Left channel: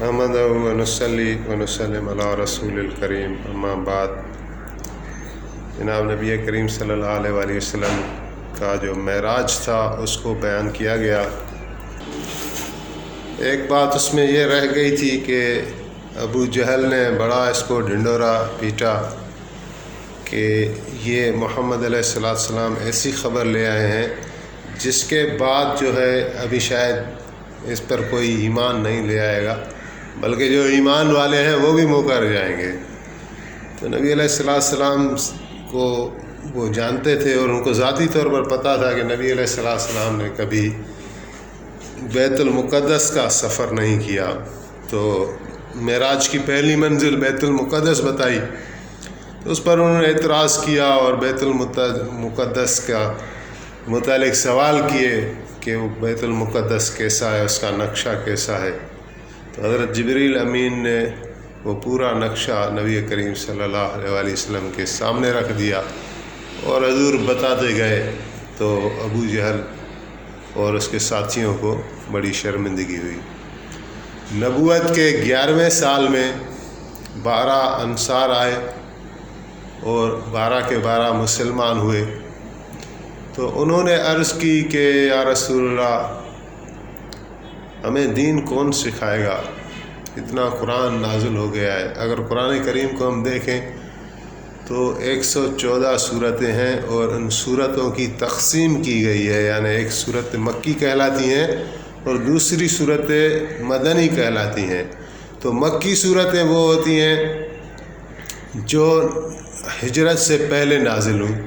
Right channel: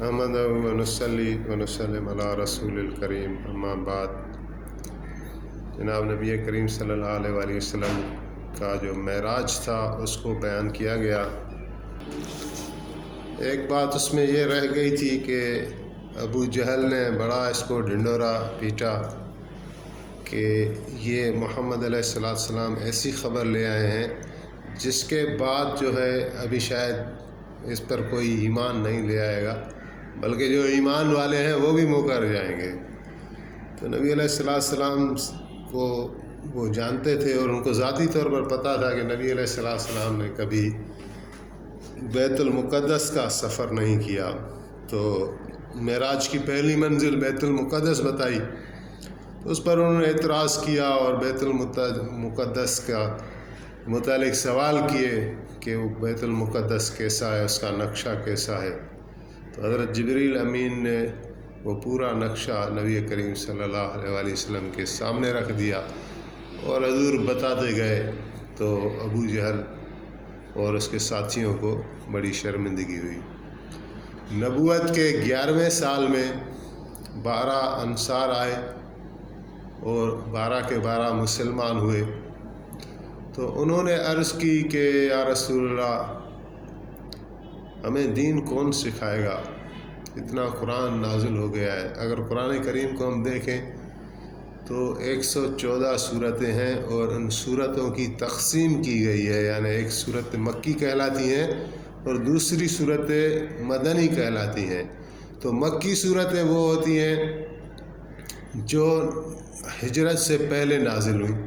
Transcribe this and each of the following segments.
نحمدہ و نصلی و نسلم علی رسول الکریم، اما بعد۔ جناب نبی کریم صلی اللہ علیہ وآلہ وسلم کا جو معراج تھا اس کو بیان کیا گیا۔ ایک بات اس میں یہ رہ گئی تھی کہ ابو جہل نے بڑا اس کو ڈھنڈورا پیٹا کہ یہ محمد علیہ السلام ایسی خبر لے آئے ہیں جس کے بعد جو ہے ابھی شاید اس پر کوئی ایمان نہیں لے آئے گا، بلکہ جو ایمان والے ہیں وہ بھی مکر جائیں گے۔ تو نبی علیہ السلام کو وہ جانتے تھے اور ان کو ذاتی طور پر پتہ تھا کہ نبی علیہ السلام نے کبھی بیت المقدس کا سفر نہیں کیا، تو معراج کی پہلی منزل بیت المقدس بتائی تو اس پر انہوں نے اعتراض کیا اور بیت المقدس کا متعلق سوال کیے کہ وہ بیت المقدس کیسا ہے، اس کا نقشہ کیسا ہے۔ تو حضرت جبریل امین نے وہ پورا نقشہ نبی کریم صلی اللہ علیہ وآلہ وسلم کے سامنے رکھ دیا اور حضور بتاتے گئے، تو ابو جہل اور اس کے ساتھیوں کو بڑی شرمندگی ہوئی۔ نبوت کے 11ویں سال میں 12 انصار آئے اور 12 کے 12 مسلمان ہوئے۔ تو انہوں نے عرض کی کہ یا رسول اللہ، ہمیں دین کون سکھائے گا؟ اتنا قرآن نازل ہو گیا ہے۔ اگر قرآن کریم کو ہم دیکھیں تو 114 صورتیں ہیں اور ان صورتوں کی تقسیم کی گئی ہے، یعنی ایک صورت مکی کہلاتی ہیں اور دوسری صورتیں مدنی کہلاتی ہیں۔ تو مکی صورتیں وہ ہوتی ہیں جو ہجرت سے پہلے نازل ہوئیں،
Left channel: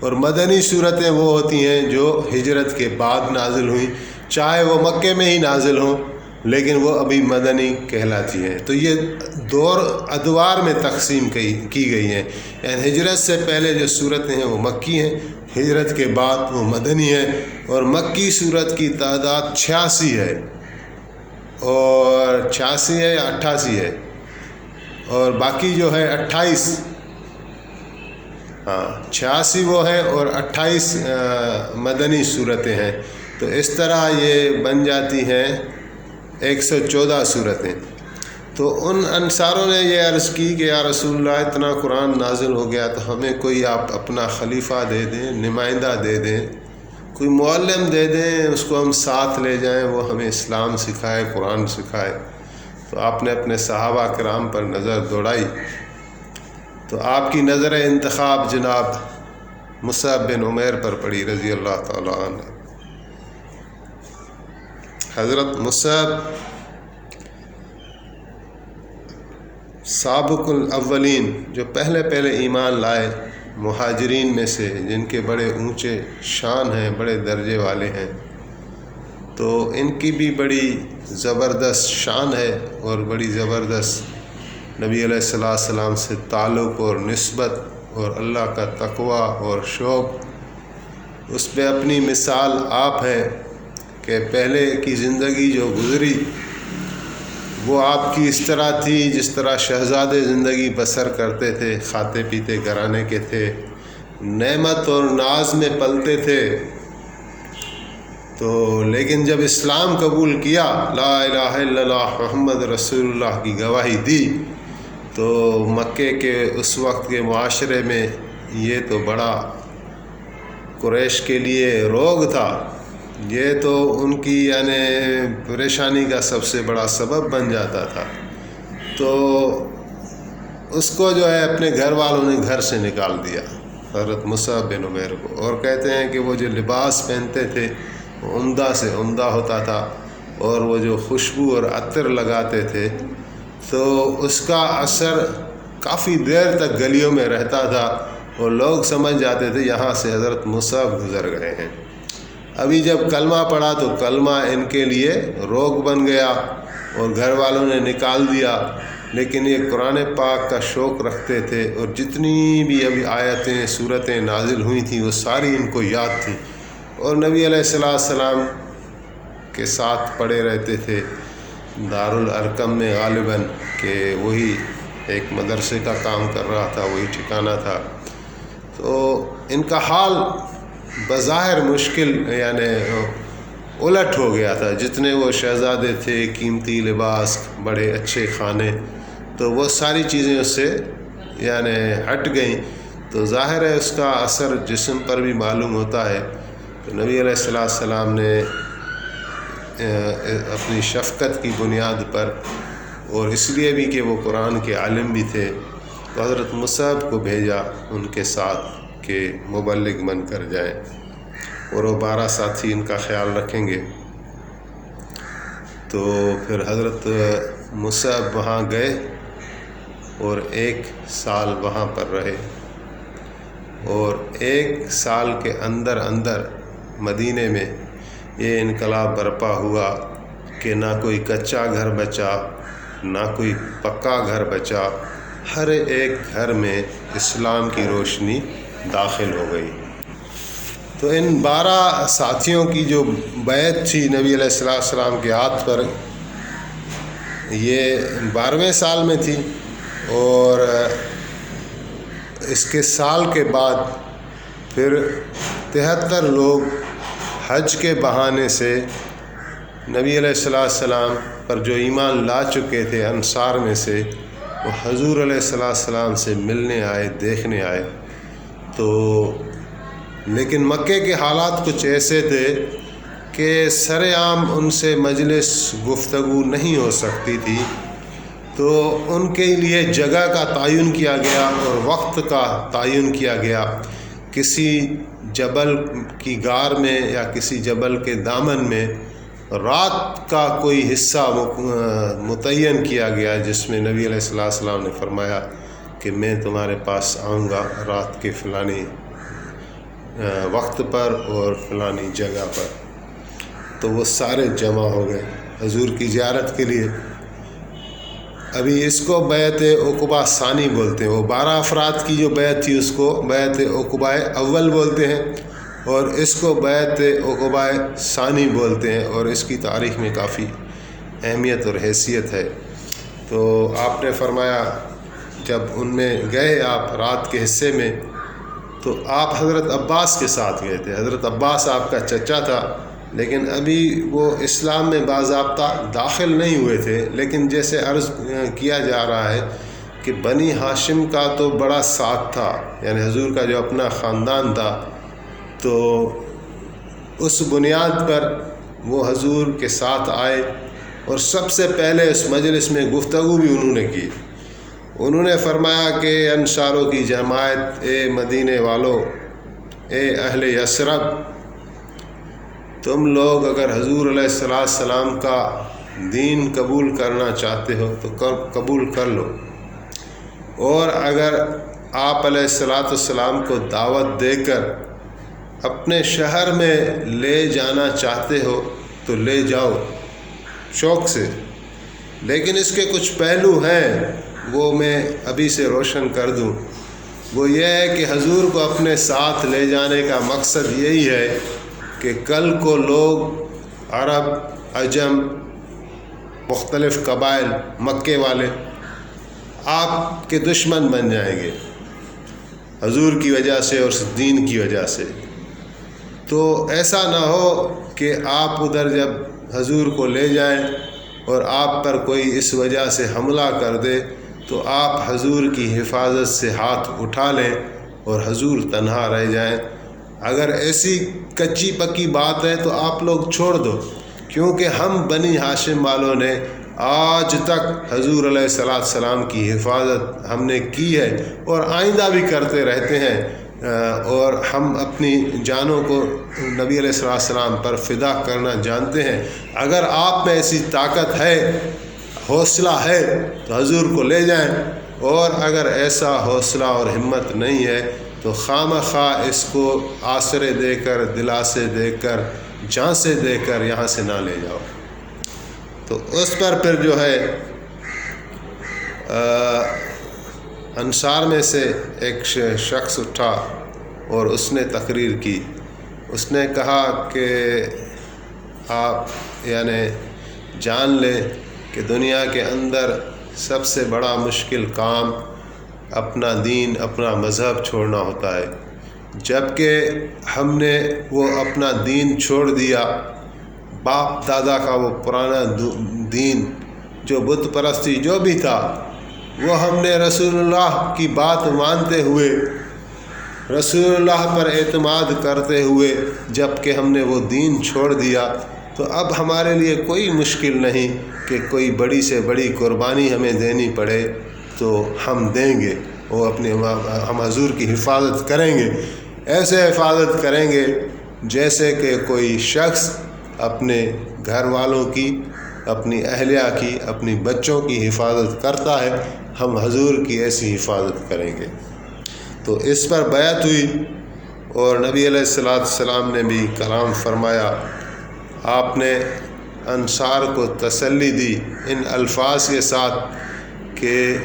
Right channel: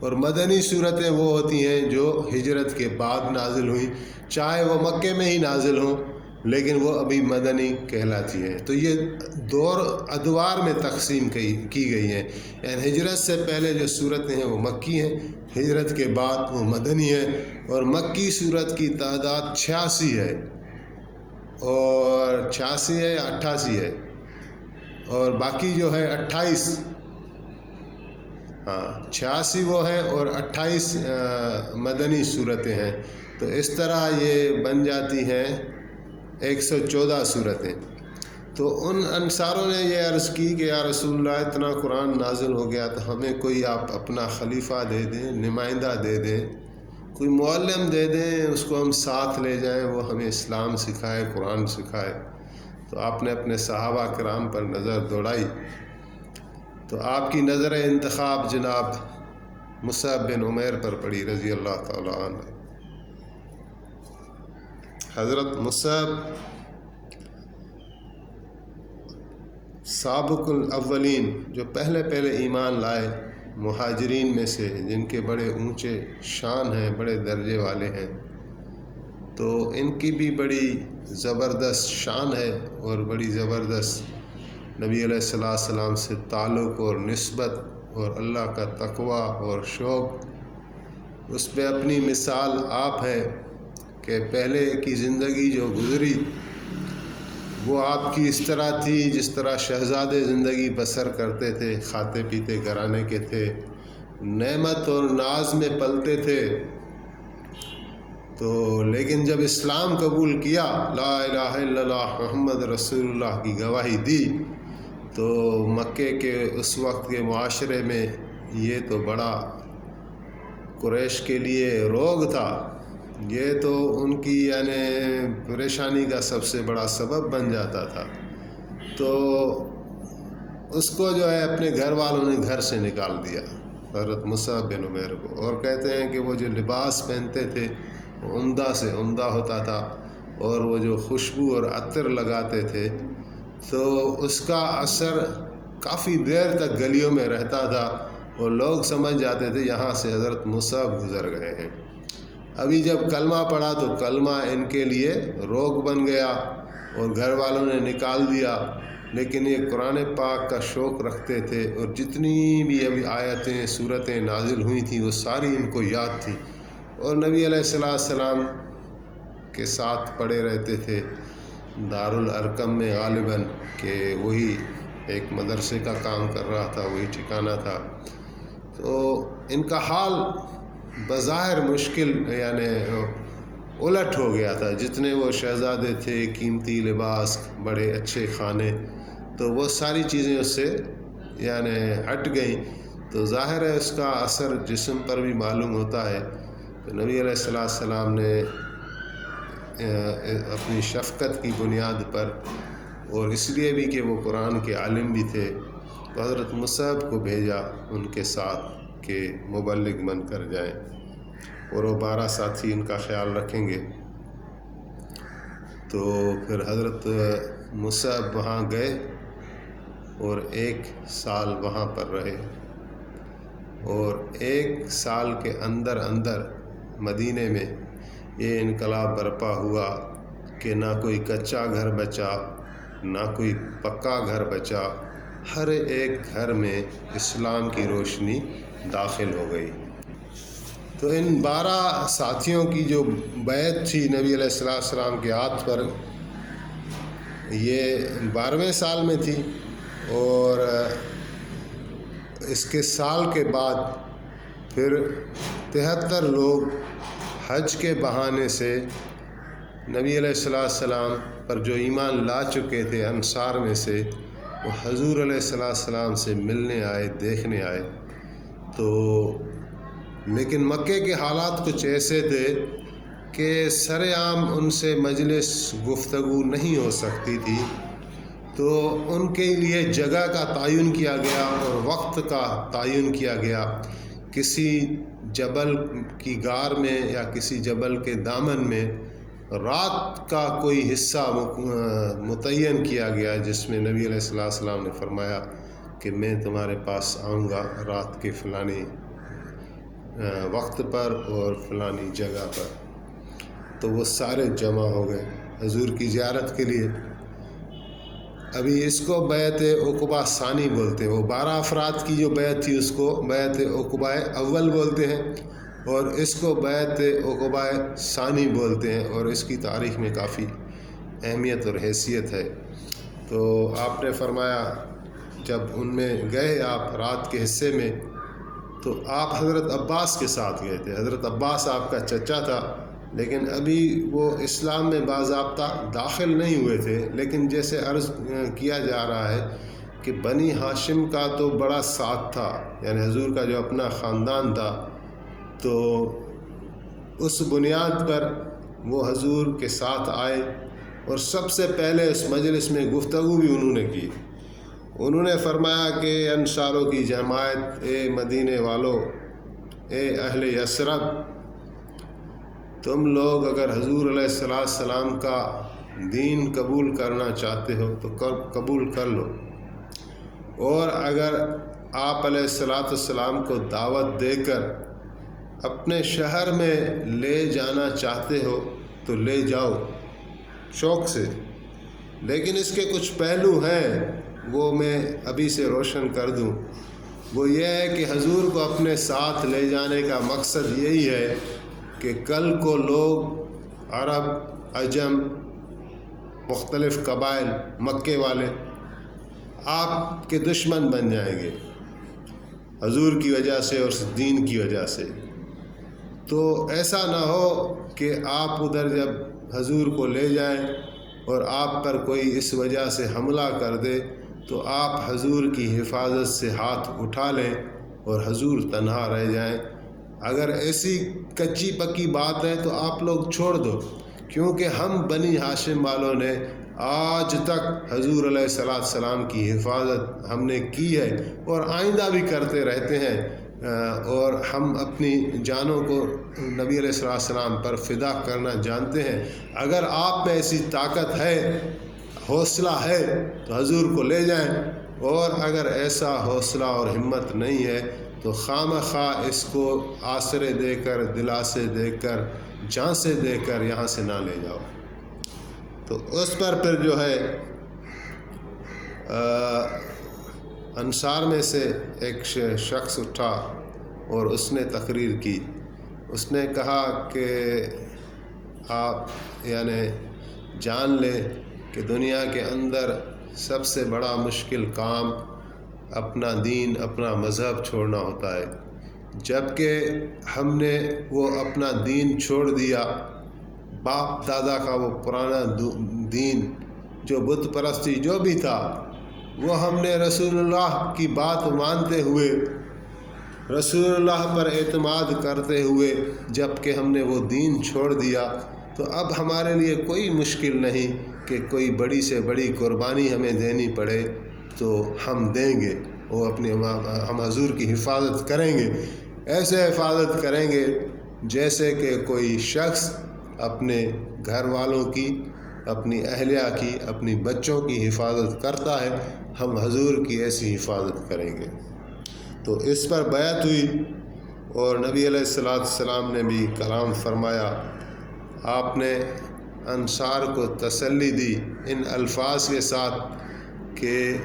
اور مدنی صورتیں وہ ہوتی ہیں جو ہجرت کے بعد نازل ہوئیں، چاہے وہ مکے میں ہی نازل ہوں لیکن وہ ابھی مدنی کہلاتی ہیں۔ تو یہ دور ادوار میں تقسیم کی گئی ہیں، یعنی ہجرت سے پہلے جو صورتیں ہیں وہ مکی ہیں، ہجرت کے بعد وہ مدنی ہیں۔ اور مکی صورت کی تعداد 86 ہے، اور 86 ہے یا 88 ہے، اور باقی جو ہے 28، 86 وہ ہے اور 28 مدنی صورتیں ہیں۔ تو اس طرح یہ بن جاتی ہیں 114 صورتیں۔ تو ان انصاروں نے یہ عرض کی کہ یا رسول اللہ، اتنا قرآن نازل ہو گیا تو ہمیں کوئی آپ اپنا خلیفہ دے دیں، نمائندہ دے دیں، کوئی معلم دے دیں، اس کو ہم ساتھ لے جائیں، وہ ہمیں اسلام سکھائے، قرآن سکھائے۔ تو آپ نے اپنے صحابہ کرام پر نظر دوڑائی تو آپ کی نظر انتخاب جناب مصعب بن عمیر پر پڑی رضی اللہ تعالیٰ عنہ۔ حضرت مصعب سابق الاولین، جو پہلے ایمان لائے مہاجرین میں سے، جن کے بڑے اونچے شان ہیں، بڑے درجے والے ہیں، تو ان کی بھی بڑی زبردست شان ہے اور بڑی زبردست نبی علیہ السلام سے تعلق اور نسبت اور اللہ کا تقوی اور شوق۔ اس پہ اپنی مثال آپ ہے کہ پہلے کی زندگی جو گزری وہ آپ کی اس طرح تھی جس طرح شہزادے زندگی بسر کرتے تھے، کھاتے پیتے گھرانے کے تھے، نعمت اور ناز میں پلتے تھے۔ تو لیکن جب اسلام قبول کیا، لا الہ الا اللہ محمد رسول اللہ کی گواہی دی، تو مکے کے اس وقت کے معاشرے میں یہ تو بڑا قریش کے لیے روگ تھا، یہ تو ان کی یعنی پریشانی کا سب سے بڑا سبب بن جاتا تھا۔ تو اس کو جو ہے اپنے گھر والوں نے گھر سے نکال دیا، حضرت مصعب بن عمیر کو، اور کہتے ہیں کہ وہ جو لباس پہنتے تھے وہ عمدہ سے عمدہ ہوتا تھا، اور وہ جو خوشبو اور عطر لگاتے تھے تو اس کا اثر کافی دیر تک گلیوں میں رہتا تھا، اور لوگ سمجھ جاتے تھے یہاں سے حضرت مصعب گزر گئے ہیں۔ ابھی جب کلمہ پڑھا تو کلمہ ان کے لیے روگ بن گیا اور گھر والوں نے نکال دیا، لیکن یہ قرآن پاک کا شوق رکھتے تھے، اور جتنی بھی ابھی آیتیں صورتیں نازل ہوئی تھیں وہ ساری ان کو یاد تھیں، اور نبی علیہ السلام کے ساتھ پڑے رہتے تھے دارالارقم میں غالباً، کہ وہی ایک مدرسے کا کام کر رہا تھا، وہی ٹھکانہ تھا۔ تو ان کا حال بظاہر مشکل، یعنی الٹ ہو گیا تھا. جتنے وہ شہزادے تھے، قیمتی لباس، بڑے اچھے کھانے، تو وہ ساری چیزیں اس سے یعنی ہٹ گئیں. تو ظاہر ہے اس کا اثر جسم پر بھی معلوم ہوتا ہے. تو نبی علیہ السلام نے اپنی شفقت کی بنیاد پر، اور اس لیے بھی کہ وہ قرآن کے عالم بھی تھے، تو حضرت مصعب کو بھیجا ان کے ساتھ کہ مبلغ بن کر جائیں، اور وہ 12 ساتھی ان کا خیال رکھیں گے. تو پھر حضرت مصعب وہاں گئے اور 1 سال وہاں پر رہے، اور 1 سال کے اندر مدینے میں یہ انقلاب برپا ہوا کہ نہ کوئی کچا گھر بچا، نہ کوئی پکا گھر بچا. ہر ایک گھر میں اسلام کی روشنی داخل ہو گئی. تو ان 12 ساتھیوں کی جو بیعت تھی نبی علیہ السلام کے ہاتھ پر، یہ 12ویں سال میں تھی، اور اس کے سال کے بعد پھر 73 لوگ حج کے بہانے سے نبی علیہ السلام پر جو ایمان لا چکے تھے انصار میں سے، وہ حضور علیہ السلام سے ملنے آئے، دیکھنے آئے. تو لیکن مکے کے حالات کچھ ایسے تھے کہ سر عام ان سے مجلس گفتگو نہیں ہو سکتی تھی. تو ان کے لیے جگہ کا تعین کیا گیا اور وقت کا تعین کیا گیا. کسی جبل کی غار میں یا کسی جبل کے دامن میں رات کا کوئی حصہ متعین کیا گیا، جس میں نبی علیہ السلام نے فرمایا کہ میں تمہارے پاس آؤں گا رات کے فلانی وقت پر اور فلانی جگہ پر. تو وہ سارے جمع ہو گئے حضور کی زیارت کے لیے. ابھی اس کو بیعت عقبہ ثانی بولتے ہیں. وہ 12 افراد کی جو بیعت تھی اس کو بیعت عقبہ اول بولتے ہیں، اور اس کو بیعت عقبہ ثانی بولتے ہیں، اور اس کی تاریخ میں کافی اہمیت اور حیثیت ہے. تو آپ نے فرمایا جب ان میں گئے آپ رات کے حصے میں، تو آپ حضرت عباس کے ساتھ گئے تھے. حضرت عباس آپ کا چچا تھا، لیکن ابھی وہ اسلام میں باضابطہ داخل نہیں ہوئے تھے. لیکن جیسے عرض کیا جا رہا ہے کہ بنی ہاشم کا تو بڑا ساتھ تھا، یعنی حضور کا جو اپنا خاندان تھا، تو اس بنیاد پر وہ حضور کے ساتھ آئے، اور سب سے پہلے اس مجلس میں گفتگو بھی انہوں نے کی. انہوں نے فرمایا کہ انصاروں کی جماعت، اے مدینے والو، اے اہل یثرب، تم لوگ اگر حضور علیہ السلام کا دین قبول کرنا چاہتے ہو تو قبول کر لو، اور اگر آپ علیہ السلام کو دعوت دے کر اپنے شہر میں لے جانا چاہتے ہو تو لے جاؤ شوق سے. لیکن اس کے کچھ پہلو ہیں، وہ میں ابھی سے روشن کر دوں. وہ یہ ہے کہ حضور کو اپنے ساتھ لے جانے کا مقصد یہی ہے کہ کل کو لوگ عرب، عجم، مختلف قبائل، مکے والے آپ کے دشمن بن جائیں گے حضور کی وجہ سے اور دین کی وجہ سے. تو ایسا نہ ہو کہ آپ ادھر جب حضور کو لے جائیں اور آپ پر کوئی اس وجہ سے حملہ کر دے تو آپ حضور کی حفاظت سے ہاتھ اٹھا لیں اور حضور تنہا رہ جائیں. اگر ایسی کچی پکی بات ہے تو آپ لوگ چھوڑ دو، کیونکہ ہم بنی ہاشم والوں نے آج تک حضور علیہ السلام کی حفاظت ہم نے کی ہے اور آئندہ بھی کرتے رہتے ہیں، اور ہم اپنی جانوں کو نبی علیہ السلام پر فدا کرنا جانتے ہیں. اگر آپ میں ایسی طاقت ہے، حوصلہ ہے تو حضور کو لے جائیں، اور اگر ایسا حوصلہ اور ہمت نہیں ہے تو خواہ اس کو آسرے دے کر، دلاسے دے کر، جانسے دے کر یہاں سے نہ لے جاؤ. تو اس پر پھر جو ہے انصار میں سے ایک شخص اٹھا اور اس نے تقریر کی. اس نے کہا کہ آپ یعنی جان لیں کہ دنیا کے اندر سب سے بڑا مشکل کام اپنا دین، اپنا مذہب چھوڑنا ہوتا ہے. جب کہ ہم نے وہ اپنا دین چھوڑ دیا، باپ دادا کا وہ پرانا دین جو بت پرستی جو بھی تھا، وہ ہم نے رسول اللہ کی بات مانتے ہوئے، رسول اللہ پر اعتماد کرتے ہوئے جب کہ ہم نے وہ دین چھوڑ دیا، تو اب ہمارے لیے کوئی مشکل نہیں کہ کوئی بڑی سے بڑی قربانی ہمیں دینی پڑے تو ہم دیں گے، وہ ہم حضور کی حفاظت کریں گے، ایسے حفاظت کریں گے جیسے کہ کوئی شخص اپنے گھر والوں کی، اپنی اہلیہ کی، اپنی بچوں کی حفاظت کرتا ہے، ہم حضور کی ایسی حفاظت کریں گے۔ تو اس پر بیعت ہوئی اور نبی علیہ السلام نے بھی کلام فرمایا۔ آپ نے انصار کو تسلی دی ان الفاظ کے ساتھ کہ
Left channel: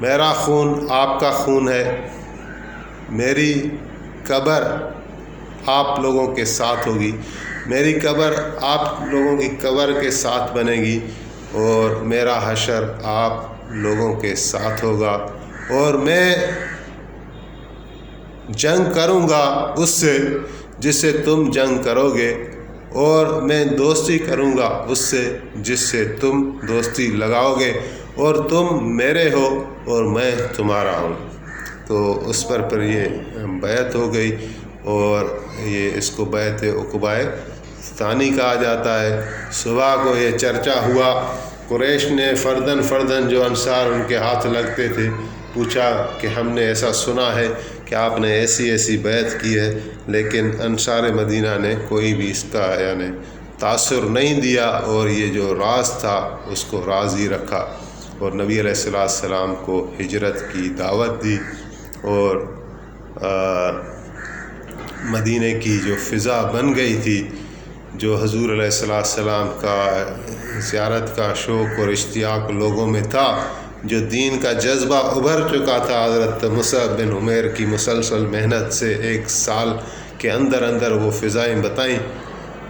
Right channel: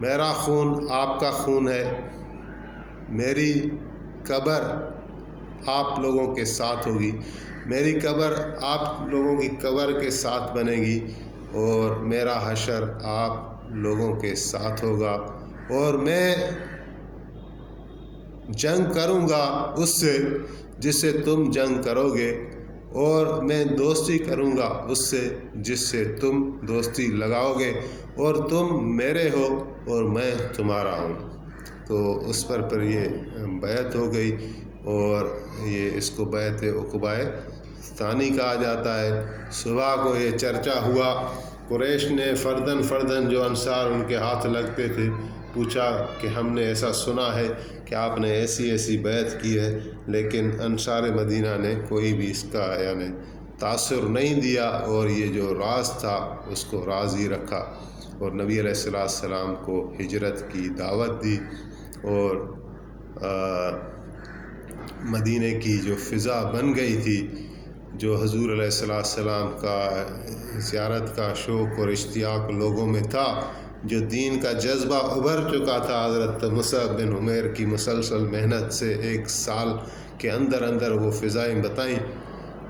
میرا خون آپ کا خون ہے، میری قبر آپ لوگوں کے ساتھ ہوگی، میری قبر آپ لوگوں کی قبر کے ساتھ بنے گی، اور میرا حشر آپ لوگوں کے ساتھ ہوگا، اور میں جنگ کروں گا اس سے جس سے تم جنگ کرو گے، اور میں دوستی کروں گا اس سے جس سے تم دوستی لگاؤ گے، اور تم میرے ہو اور میں تمہارا ہوں۔ تو اس پر یہ بیعت ہو گئی، اور یہ اس کو بیعت عقبۂ ثانی کہا جاتا ہے۔ صبح کو یہ چرچا ہوا، قریش نے فردن جو انصار ان کے ہاتھ لگتے تھے پوچھا کہ ہم نے ایسا سنا ہے کہ آپ نے ایسی بیعت کی ہے، لیکن انصار مدینہ نے کوئی بھی اس کا تاثر نہیں دیا، اور یہ جو راز تھا اس کو راز ہی رکھا، اور نبی علیہ السلام کو ہجرت کی دعوت دی، اور مدینہ کی جو فضا بن گئی تھی، جو حضور علیہ السلام کا زیارت کا شوق اور اشتیاق لوگوں میں تھا، جو دین کا جذبہ ابھر چکا تھا حضرت مصعب بن عمیر کی مسلسل محنت سے، 1 سال کے اندر وہ فضائیں بتائیں،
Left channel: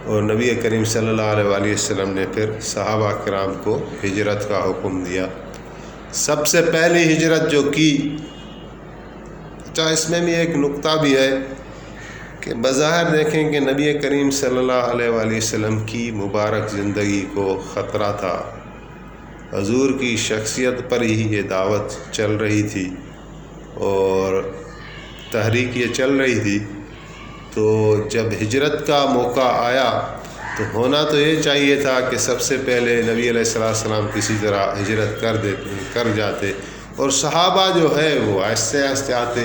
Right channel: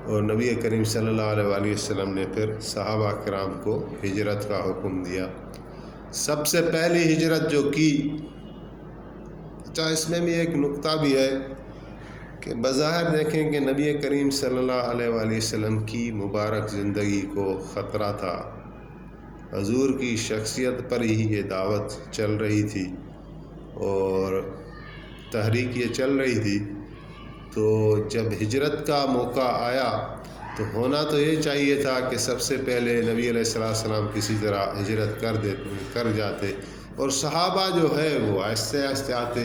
اور نبی کریم صلی اللہ علیہ وسلم نے پھر صحابہ کرام کو ہجرت کا حکم دیا۔ سب سے پہلی ہجرت جو کی، اس میں بھی ایک نقطہ بھی ہے کہ بظاہر دیکھیں کہ نبی کریم صلی اللہ علیہ وسلم کی مبارک زندگی کو خطرہ تھا، حضور کی شخصیت پر ہی یہ دعوت چل رہی تھی اور تحریک یہ چل رہی تھی، تو جب ہجرت کا موقع آیا تو ہونا تو یہ چاہیے تھا کہ سب سے پہلے نبی علیہ السلام کسی طرح ہجرت کر جاتے، اور صحابہ جو ہے وہ آہستہ آہستہ آتے،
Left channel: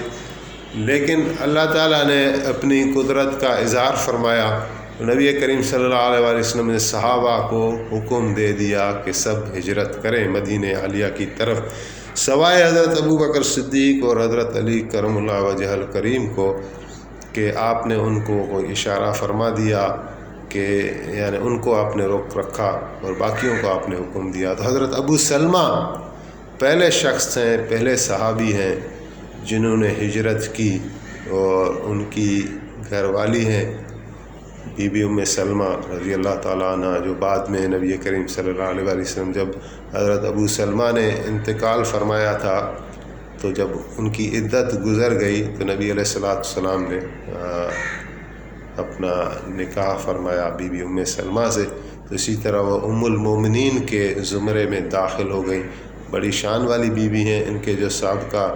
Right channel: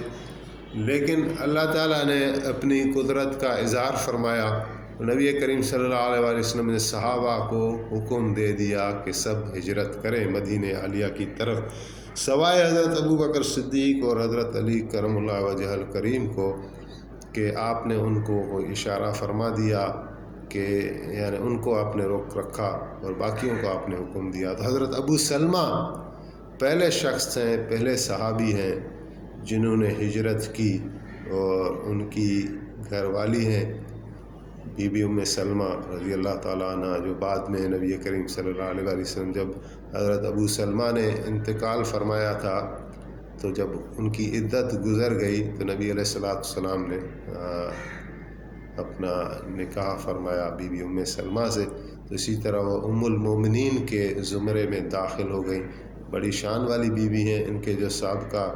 لیکن اللہ تعالیٰ نے اپنی قدرت کا اظہار فرمایا، نبی کریم صلی اللہ علیہ وسلم نے صحابہ کو حکم دے دیا کہ سب ہجرت کریں مدینہ عالیہ کی طرف، سوائے حضرت ابو بکر صدیق اور حضرت علی کرم اللہ وجہ الکریم کو، کہ آپ نے ان کو کوئی اشارہ فرما دیا کہ ان کو آپ نے روک رکھا اور باقیوں کو آپ نے حکم دیا۔ تو حضرت ابو سلمہ پہلے شخص ہیں، پہلے صحابی ہیں جنہوں نے ہجرت کی، اور ان کی گھر والی ہیں بی بی ام سلمہ رضی اللہ تعالیٰ عنہ، جو بعد میں نبی کریم صلی اللہ علیہ وسلم جب حضرت ابو سلمہ نے انتقال فرمایا تھا، تو جب ان کی عدت گزر گئی تو نبی علیہ السلام نے اپنا نکاح فرمایا بی بی ام سلمہ سے، تو اسی طرح وہ ام المومنین کے زمرے میں داخل ہو گئی، بڑی شان والی بیوی ہیں۔ ان کے جو سابقہ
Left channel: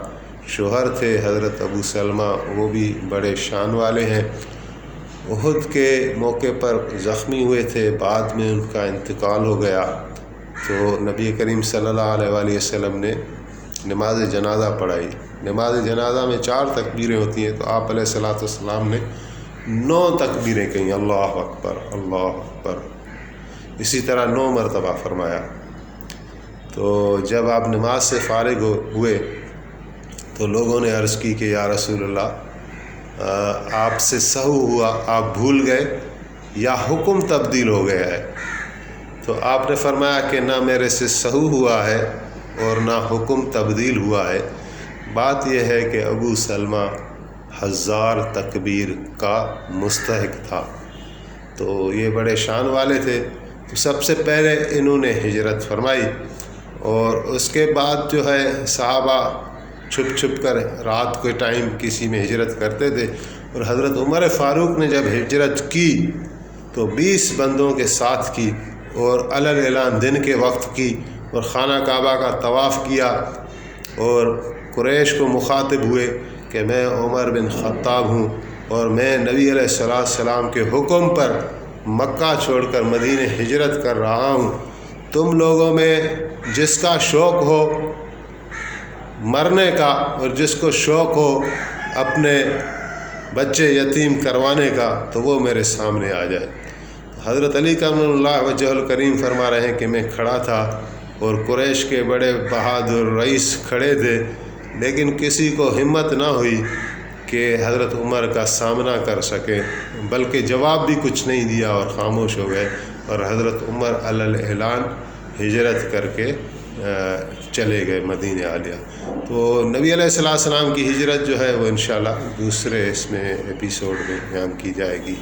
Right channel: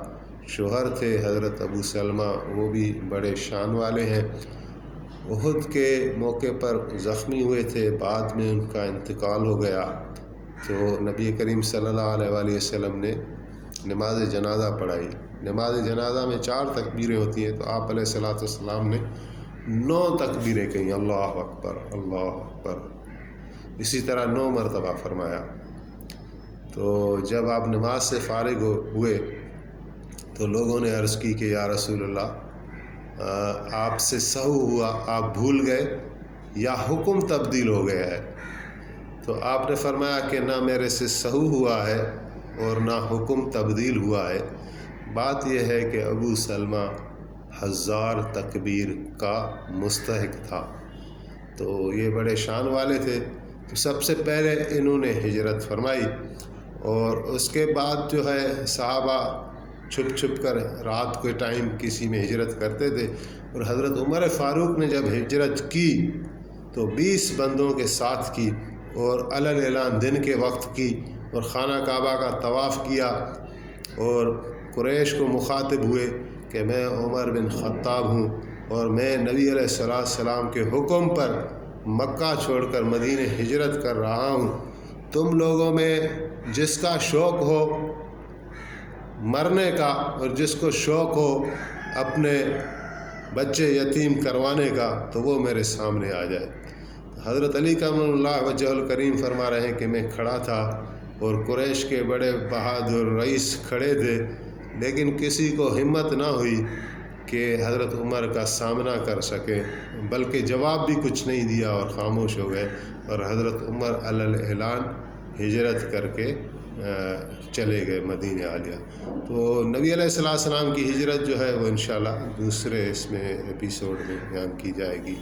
شوہر تھے حضرت ابو سلمہ، وہ بھی بڑے شان والے ہیں، احد کے موقع پر زخمی ہوئے تھے، بعد میں ان کا انتقال ہو گیا، تو نبی کریم صلی اللہ علیہ وسلم نے نماز جنازہ پڑھائی۔ نماز جنازہ میں 4 تکبیریں ہوتی ہیں، تو آپ علیہ السلام نے 9 تکبیریں کہیں، اللہ اکبر اللہ اکبر، اسی طرح 9 مرتبہ فرمایا۔ تو جب آپ نماز سے فارغ ہوئے تو لوگوں نے عرض کی کہ یا رسول اللہ، آپ سے سہو ہوا، آپ بھول گئے یا حکم تبدیل ہو گیا ہے؟ تو آپ نے فرمایا کہ نہ میرے سے سہو ہوا ہے اور نہ حکم تبدیل ہوا ہے، بات یہ ہے کہ ابو سلمہ 1000 تکبیر کا مستحق تھا، تو یہ بڑے شان والے تھے، تو سب سے پہلے انہوں نے ہجرت فرمائی، اور اس کے بعد جو ہے صحابہ چھپ کر رات کے ٹائم کسی میں ہجرت کرتے تھے، اور حضرت عمر فاروق نے جب ہجرت کی تو 20 بندوں کے ساتھ کی اور علی اعلان دن کے وقت کی اور خانہ کعبہ کا طواف کیا اور قریش کو مخاطب ہوئے کہ میں عمر بن خطاب ہوں اور میں نبی علیہ السلام کے حکم پر مکہ چھوڑ کر مدینے ہجرت کر رہا ہوں، تم لوگوں میں جس کا شوق ہو مرنے کا اور جس کو شوق ہو اپنے بچے یتیم کروانے کا تو وہ میرے سامنے آ جائے۔ حضرت علی کرم اللہ وجہ الکریم فرما رہے ہیں کہ میں کھڑا تھا اور قریش کے بڑے بہادر رئیس کھڑے تھے، لیکن کسی کو ہمت نہ ہوئی کہ حضرت عمر کا سامنا کر سکے، بلکہ جواب بھی کچھ نہیں دیا اور خاموش ہو گئے، اور حضرت عمر علی اعلان ہجرت کر کے چلے گئے مدینہ عالیہ۔ تو نبی علیہ السلام کی ہجرت جو ہے وہ انشاءاللہ دوسرے اس میں ایپیسوڈ میں بیان کی جائے گی۔